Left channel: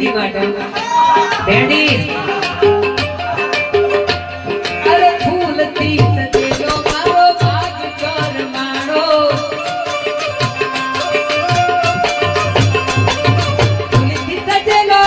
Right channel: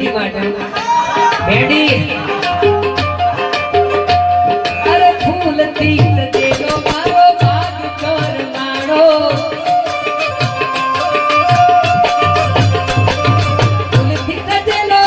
વિધિ માટે બેડી અરે ફૂલથી સજેલો મારો ભાગ કરમાણો ફૂલથી સજેલો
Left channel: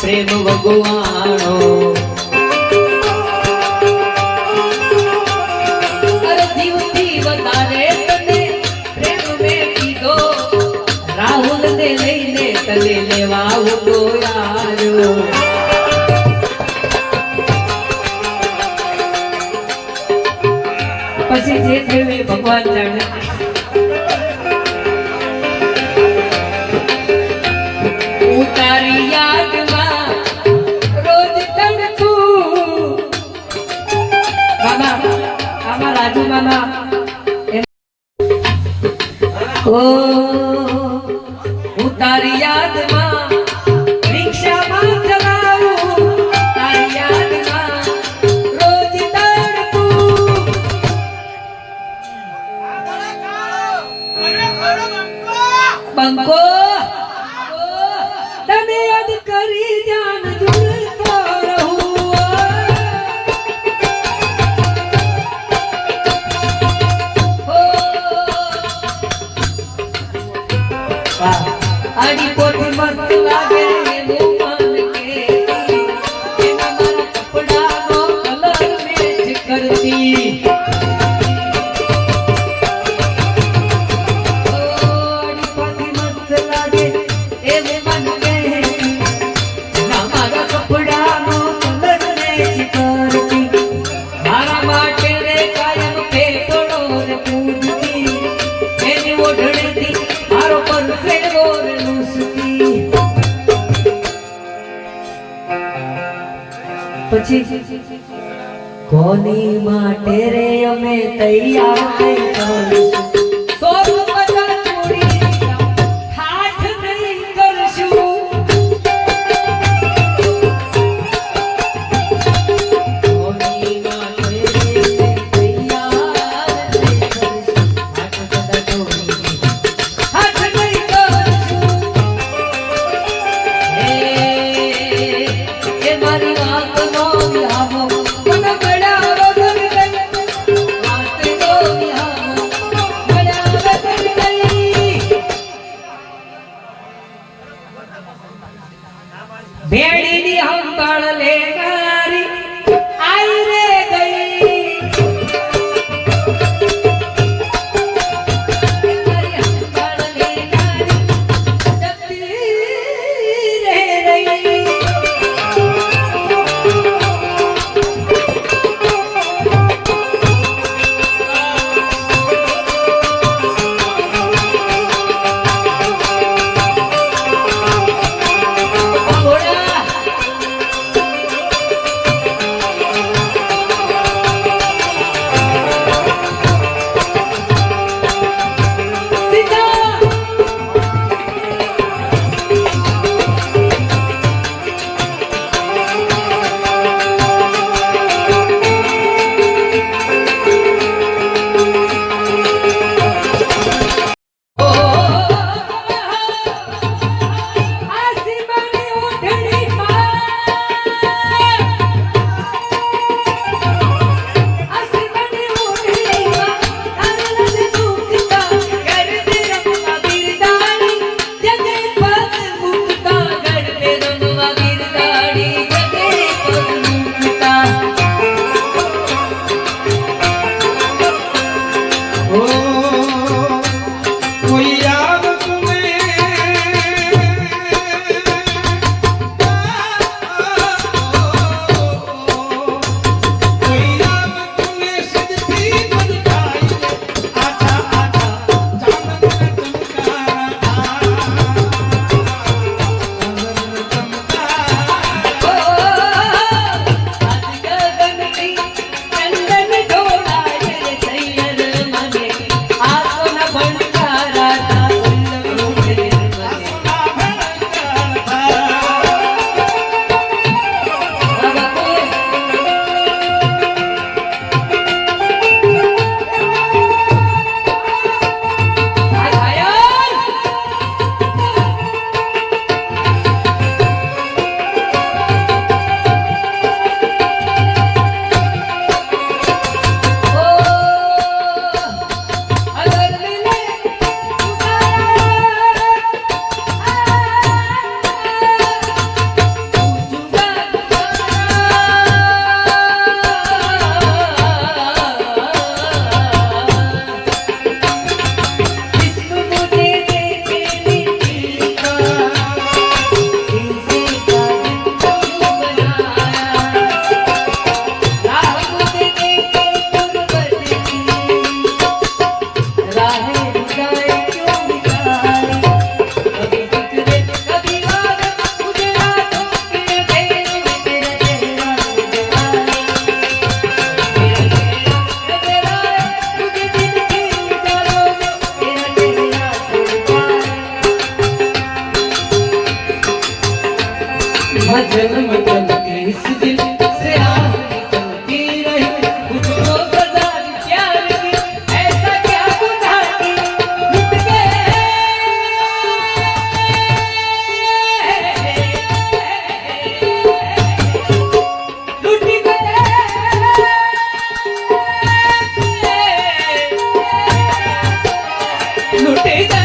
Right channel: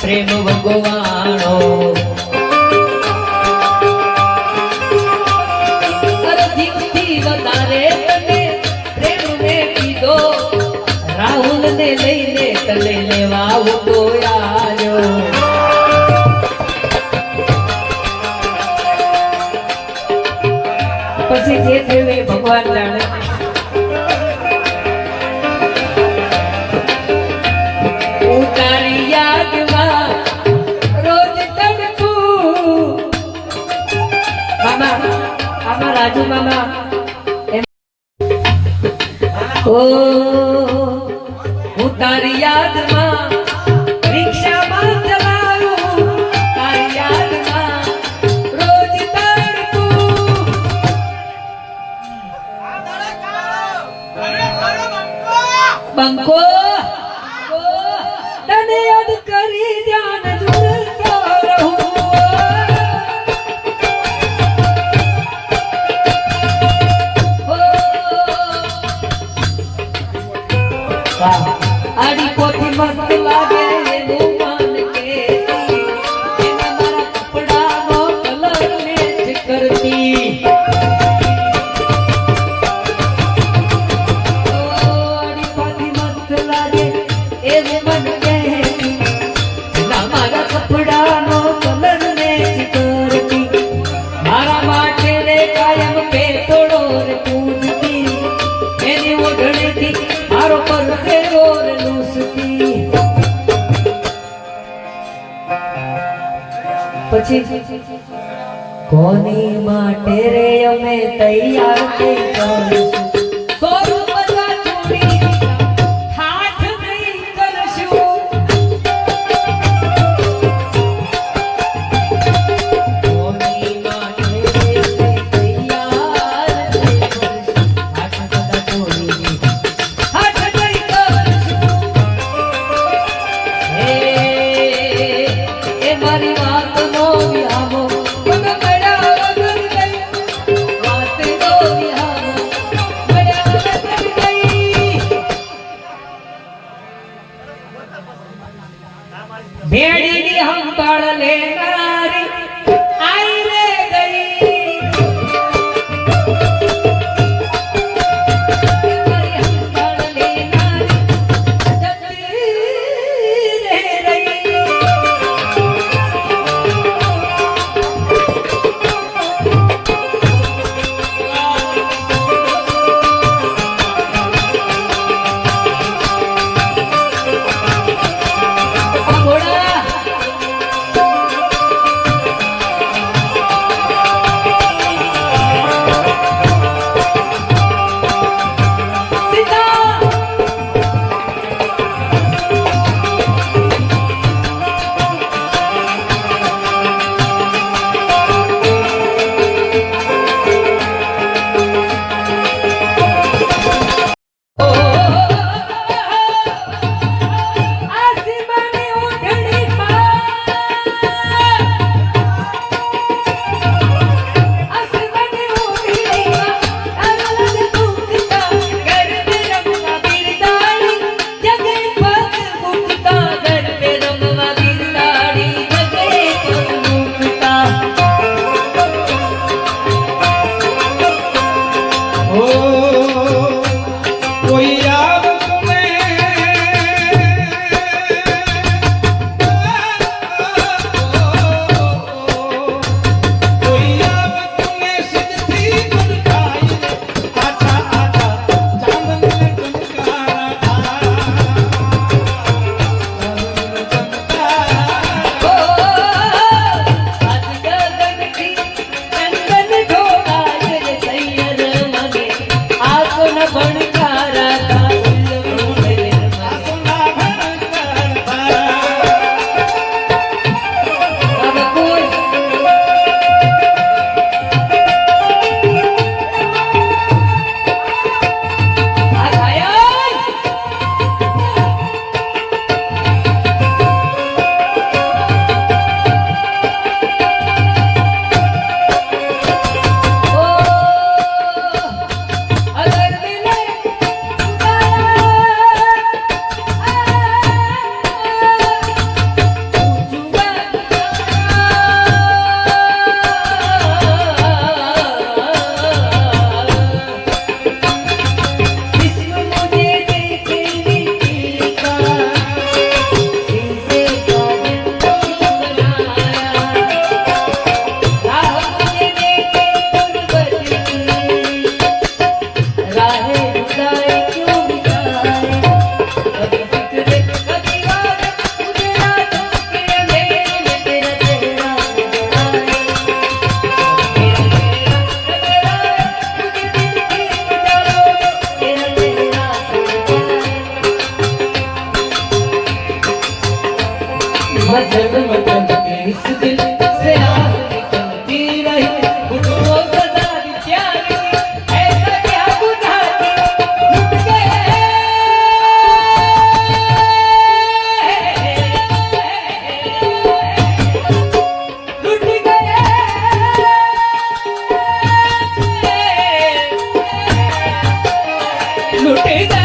પ્રેમ ભગવાણો અરે જીવથી વધારે તને પ્રેમ મેં કીધો રાહુલ ને લઈને તલે લેવા ઉતો આવ્યો પછી જે થયું એ ભગવાન જાણે તારી યાદમાં રોજ તડકું મામા આમાં રાજુ મામા ઓ હું તારી યાદમાં રિક્ષામાં ચલાવું તારી યાદમાં રોજ તડકું બંકો તને યાદ કરી જાન ઝૂલતો રહું આડી પોથી મસ્ત લાગે એનું મન કે એના મારા કપડાનો કલર મેચ કરતી આડી પોથી મસ્ત લાગે એનું મન પછી કોની માટે રે અમે તૈયાર થઈ જશું સોનું બધા છોડી હાથ નહીં કરશું કોની માટે રે અમે તૈયાર થઈ જશું હાથ બધા છોડી હાથ નહીં કરશું એ મારી વાત वो सजा दी प्यार की, ऐसा क्या गुनाह की, लुट गए, लुट गए, लुट गए।